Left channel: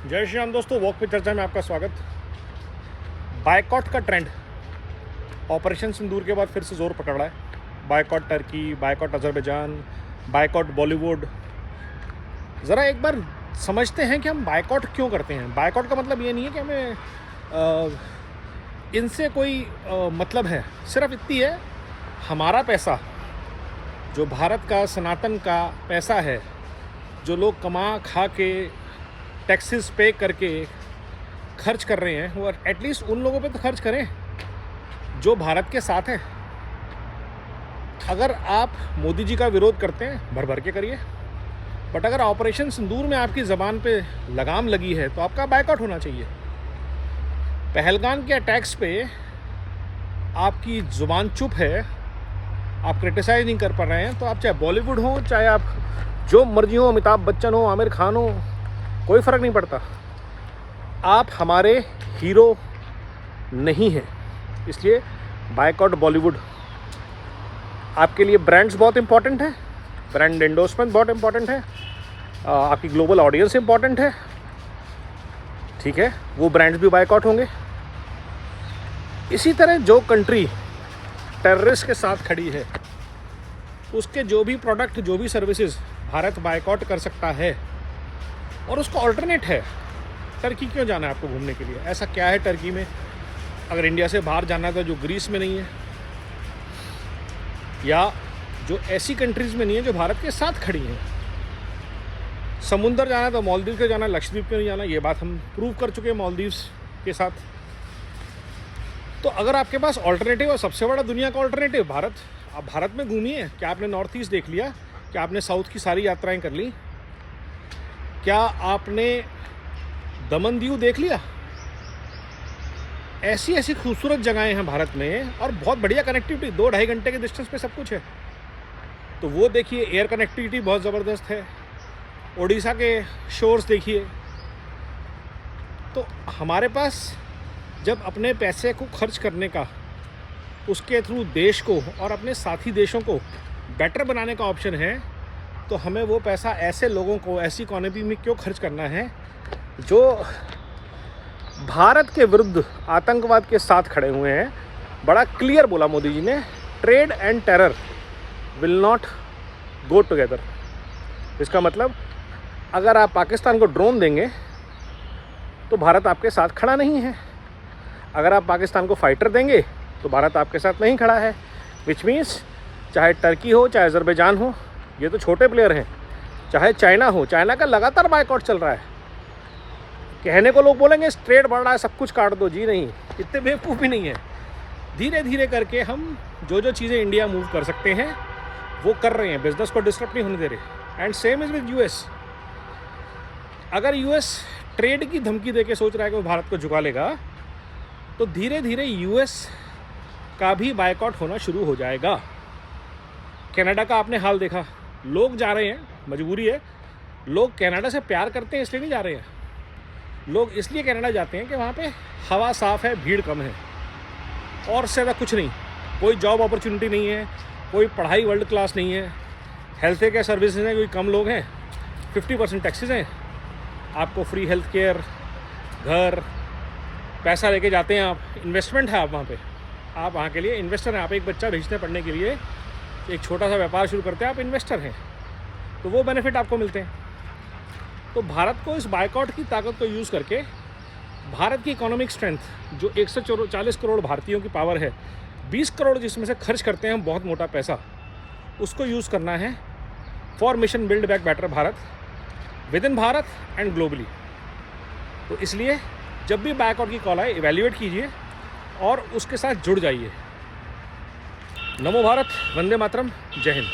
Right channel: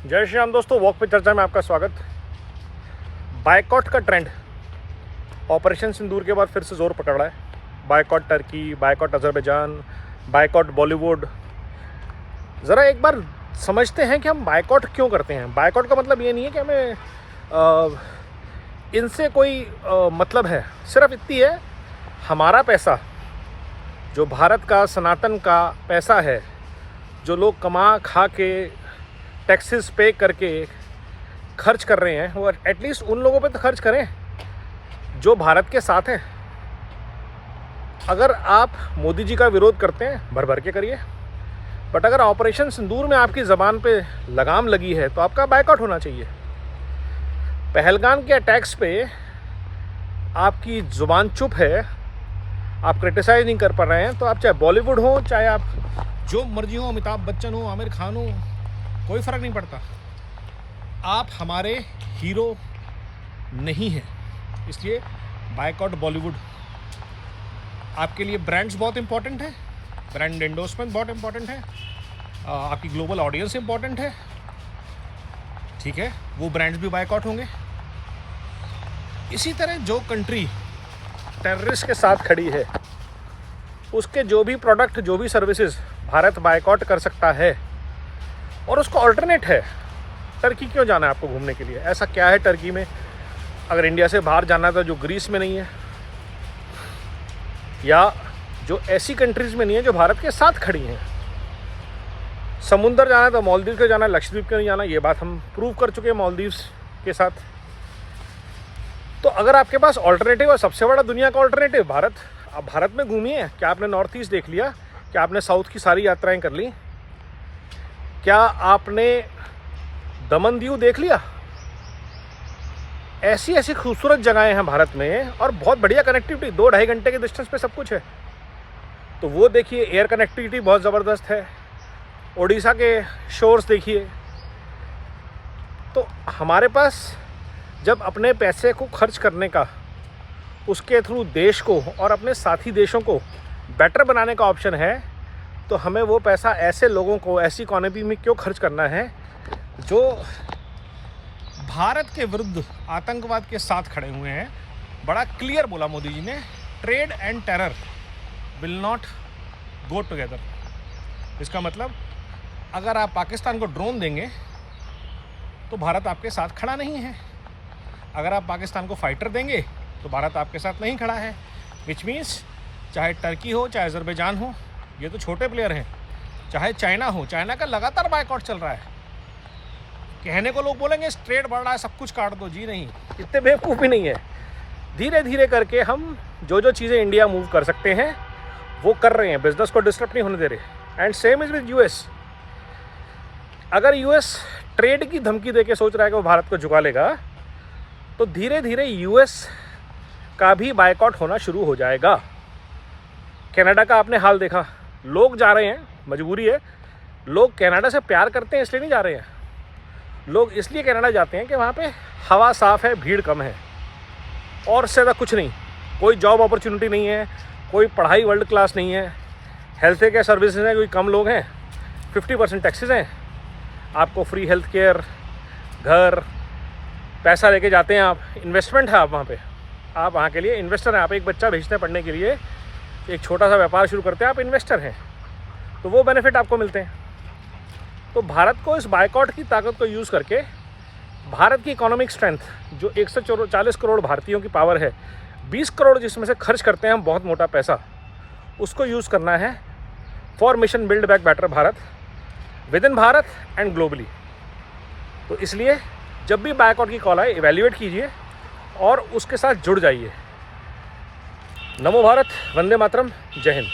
जय श्री राम दोस्तों, वॉक पे चर्चा में आपका स्वागत। बायकॉट का ट्रेंड ऑपरेशन सिंदूर के बाद फिर से जोर पकड़ रहा है। Boycott Turkey, boycott Azerbaijan, boycott Bollywood. ज़रा एक बार समझते हैं कि हम बायकॉट क्यों करते हैं। बायकॉट का मतलब ये नहीं है कि हमें इनसे कोई मतलब है, सिर्फ इतनी है, हमारा पैसा जो भारत का सनातन का पैसा है, जो लोग कमा खा के टैक्सेस पे करके खर्च कर रहे हैं, वो एटलीस्ट उन लोगों पे तो खर्च करें जो भारत के साथ हैं। अगर आप मोदी जी का विरोध करते हैं, भर भर के करिए, बट अगर ऑपरेशन सिंदूर में आपकी ज़बान पे लगाम लगी है तो आपका बायकॉट होना चाहिए। पहलगाम के अटैक्स पे आपकी ज़ुबान चुप है, आप क्रिटिसाइज नहीं कर पा रहे हैं, तो आप चाहे बॉलीवुड हो, चाहे आप जो मर्जी हो, अमिताभ बच्चन हो, आमिर खान हो, कोई फ़र्क नहीं पड़ता, आप हमारे हीरो नहीं हैं। इसलिए बायकॉट बॉलीवुड। आपके लिए ब्रांड्स बहुत इंपॉर्टेंट है, ब्रांड एंडोर्समेंट बहुत इंपॉर्टेंट है, आपकी ग्लोबल ऑडियंस इंपॉर्टेंट है, ठीक है, वो ब्रांड्स भी बायकॉट होंगे। इसी तरह जो कंट्री टेररिस्ट के साथ खड़ी है, उसके जो भी प्रोडक्ट, जो भी सर्विसेज भारत बायकॉट कर सकता है। और उसका ऑल्टरनेट है। टर्की क्यों जाना है आपको घूमने के लिए? ऐसा क्या है टर्की में? अगर इंडिया से बाहर जाना है तो जो ग्रीस में नहीं है, या जो ऐसी कंट्रीज में नहीं है जो भारत के साथ खड़ी हैं। समुंदर जाना है तो मालदीव को जाना है, लक्षद्वीप को नहीं जाना, ये बात हम प्रूव कर चुके हैं मालदीव्स के साथ। तो अगर आपके पास ऑल्टरनेटिव है, सबसे बड़ा दुनिया का ऑल्टरनेटिव भारत, आप भारत में घूमिए। क्या आपने नॉर्थ ईस्ट देख लिया? क्या आपने साउथ की सारी यात्राएं कर ली? क्या आपने दमन दीव देख लिया? ऐसी ऐसी खूबसूरत जगहें हैं भारत में, और बहुत बढ़िया कनेक्टिविटी, 2-2.5 घंटे के डिस्टेंस पे सब कुछ है। तो वो देखिए, एयर कनेक्टिविटी बहुत ज़बरदस्त है। ओडिशा के शोर्स देखिए। तो हमारे पास जब अपने पैसे को खर्च करने का, उसके थ्रू देश को और अपने साथी देशों को बेटर बनाने का ऑप्शन है, तो हमें वो पैसा ऐसे लोगों को, ऐसी इकोनॉमी में क्यों खर्च करना है जो भारत के विरुद्ध आतंकवाद के साथ खड़े हुए हैं। बड़ा क्लियर बोला मोदी जी ने, trade and terror will not go together. इसका मतलब अगर आप पाकिस्तान को ड्रोन देंगे तो भारत आपके साथ खड़ा नहीं है। अगर आप पाकिस्तान को फाइटर देंगे तो भारत आपके साथ नहीं खड़ा है। विच मीन्स चाहे टर्की हो, चाहे अजरबैजान हो, ये तो छोटे प्लेयर हैं, चाहे चाइना हो, चाइना का लगातार बायकॉट चल रहा है। कहने को लोग बोलेंगे ट्रेड बढ़ रहा है, सब कुछ काट दो। जी नहीं, इतने बेवकूफ़ भी नहीं है। धीरे धीरे करके हम जो जो चीज़ें इंडिया मूव कर सकते हैं वो कर रहे हैं, बिजनेस को डिस्टर्ब नहीं होने दे रहे। And same is with US. अगर यूएस ट्रेड की धमकी देके सोच रहा है कि वो भारत को झुका लेगा, तो धीरे धीरे यूएस का भी बायकॉट होना शुरू हो जाएगा। कनाडा का आपने हाल देखा, लोग जा रहे हैं, मजबूरी है। लोग कनाडा से प्यार करते हैं इसलिए नहीं जा रहे हैं, लोग इसलिए कनाडा जाते हैं कि वहाँ पे हवा साफ़ है, भीड़ कम है, और इससे ज़्यादा कुछ नहीं। कोई जॉब अपॉर्चुनिटी नहीं है, कोई पढ़ाई वर्ल्ड क्लास नहीं है, हेल्थ केयर सर्विसेज हैं, कोई कम लोग हैं, 50% टैक्सेस हैं, आपको फ्री हेल्थ केयर, घर, पैसा लेके जाते हैं आप, इन्वेस्टमेंट है आप वहाँ पे, आप वहाँ के लिए इन्वेस्टर हैं। आप एक बच्चा भेजते हैं पढ़ने के लिए, एक छोटा सा व्यापार शुरू करते हैं, आप इन्वेस्टर हैं, तो वो बेनिफिट आपको मिलते हैं। तो भारत को इस बायकॉट की ताकत को यूज़ करके भारत की इकोनॉमिक स्ट्रेंथ, जो 140 करोड़ भारतीयों की पावर है, 20 करोड़ जिसमें से खर्च करते हैं हम बहुत मोटा पैसा, उसको यूज़ करना है for mission build back better Bharat, with in Bharat and globally. तो इसलिए जब भी बायकॉट की कॉल आए, इवैल्यूएट कीजिए और उसके साथ जुड़ जाइए। नमो भारत, वंदे मातरम, जय हिंद।